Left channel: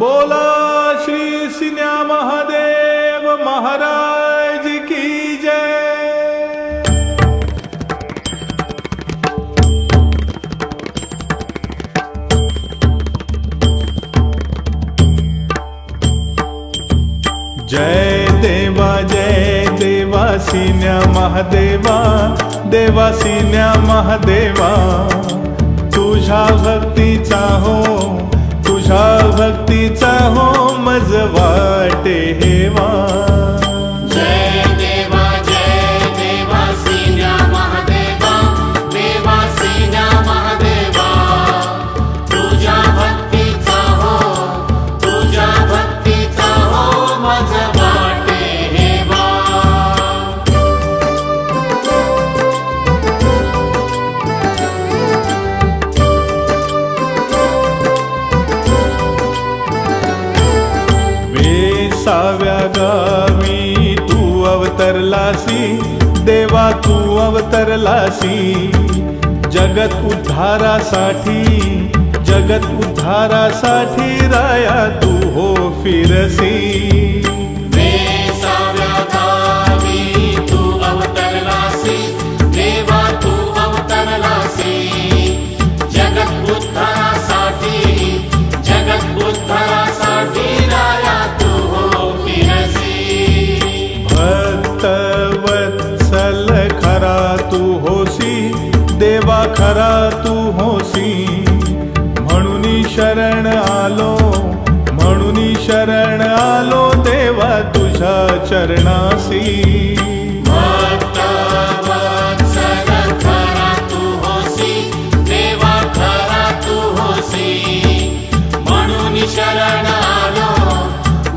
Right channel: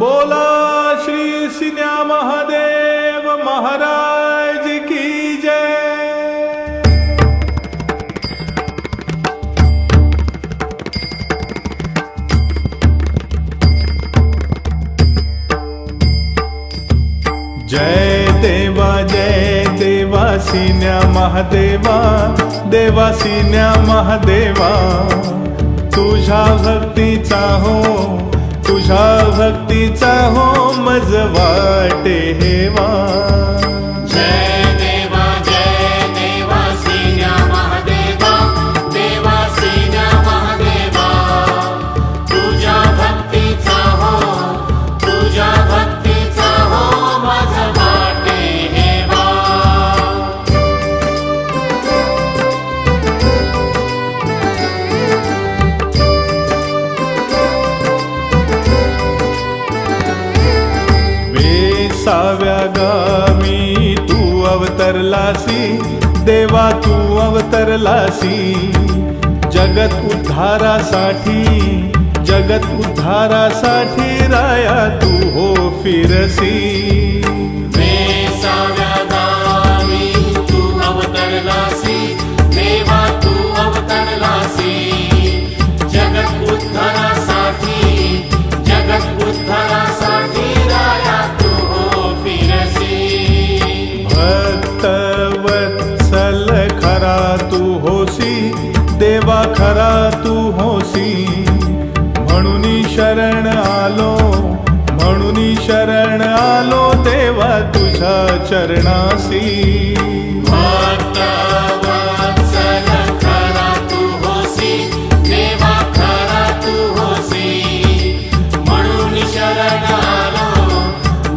बोला श्री सिन्या महादेव महाराज की जय। जय देवा सिन्या महादेवा, देवा सिन्या महादेवा, तुझ्या भक्तीचा हो, तुझ्या भक्तीचा हो मज वाटे हेवा। जय देवा सिन्या महादेवा, देवा सिन्या महादेवा, तुझ्या भक्तीचा हो, तुझ्या भक्तीचा हो मज वाटे हेवा। वेसाव्या गावी तू अवतरलासी, देवा तू अवतरलासी, जगत उद्धारासाठी, जगत उद्धारासाठी राया तू हो फिरसी। वेसाव्या गावी तू अवतरलासी, देवा तू अवतरलासी, जगत उद्धारासाठी, जगत उद्धारासाठी राया तू हो फिरसी। भक्त वत्सल खरा तू होसी, देवा खरा तू होसी, म्हणून शरण आलो, म्हणून शरण आलो देवा तुझ्या चरणासी। भक्त वत्सल खरा तू होसी, देवा खरा तू होसी, म्हणून शरण आलो,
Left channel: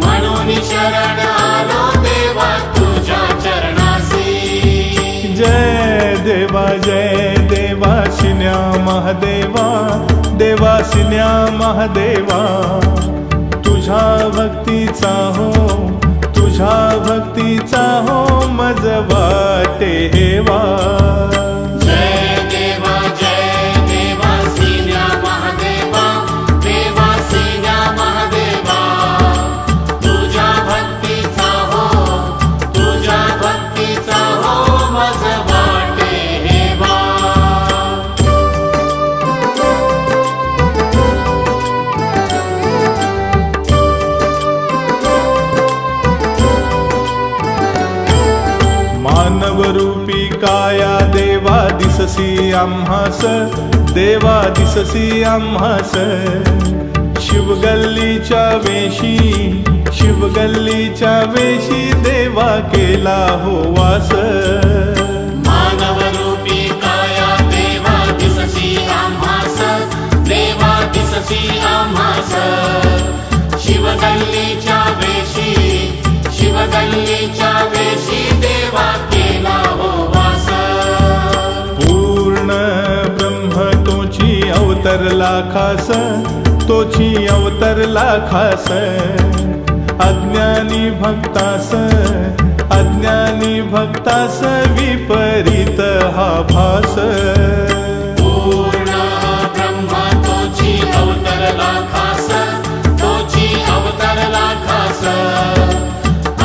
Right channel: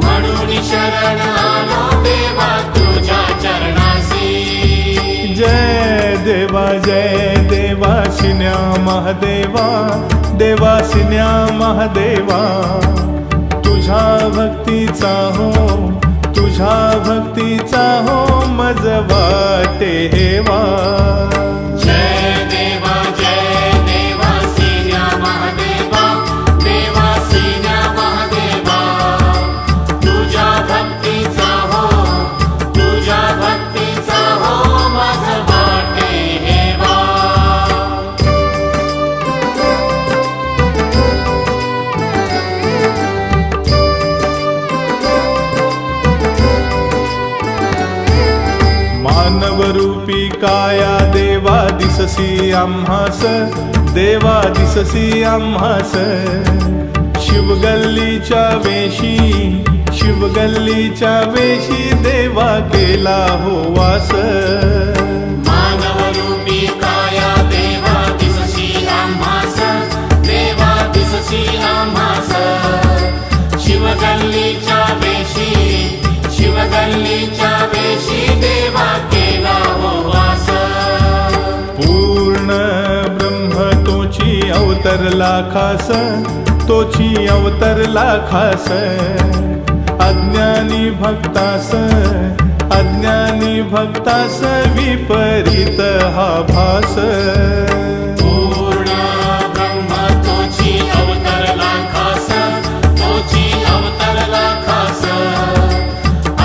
म्हणून शरण आलो देवा तुझ्या चरणासी। जय देवा सिन्या महादेवा, देवा सिन्या महादेवा, तुझ्या भक्तीचा हो, तुझ्या भक्तीचा हो मज वाटे हेवा। जय देवा सिन्या महादेवा, देवा सिन्या महादेवा, तुझ्या भक्तीचा हो, तुझ्या भक्तीचा हो मज वाटे हेवा। मानवरूपी काया देवा दिससी आम्हास, देवा दिससी आम्हास, शिवगल्लीच्या वेशी, शिवगल्लीच्या वेशी देवा केला हो वास। मानवरूपी काया देवा दिससी आम्हास, देवा दिससी आम्हास, शिवगल्लीच्या वेशी, शिवगल्लीच्या वेशी देवा केला हो वास। पूर्ण ब्रह्म तोची अवतरला खास, तोची अवतरला खास, अज्ञानी भक्तास, अज्ञानी भक्तास विपरीत हा भास। पूर्ण ब्रह्म तोची अवतरला खास, तोची अवतरला खास,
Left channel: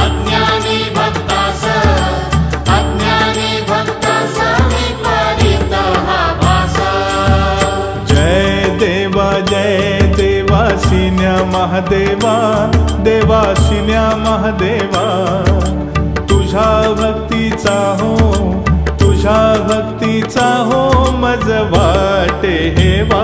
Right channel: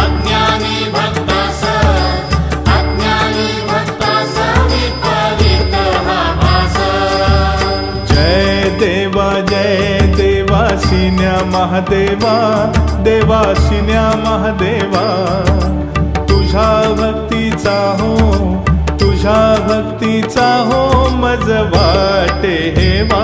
अज्ञानी भक्तास, अज्ञानी भक्तास विपरीत हा भास। जय देवा सिन्या महादेवा, देवा सिन्या महादेवा, तुझ्या भक्तीचा हो, तुझ्या भक्तीचा हो मज वाटे हेवा।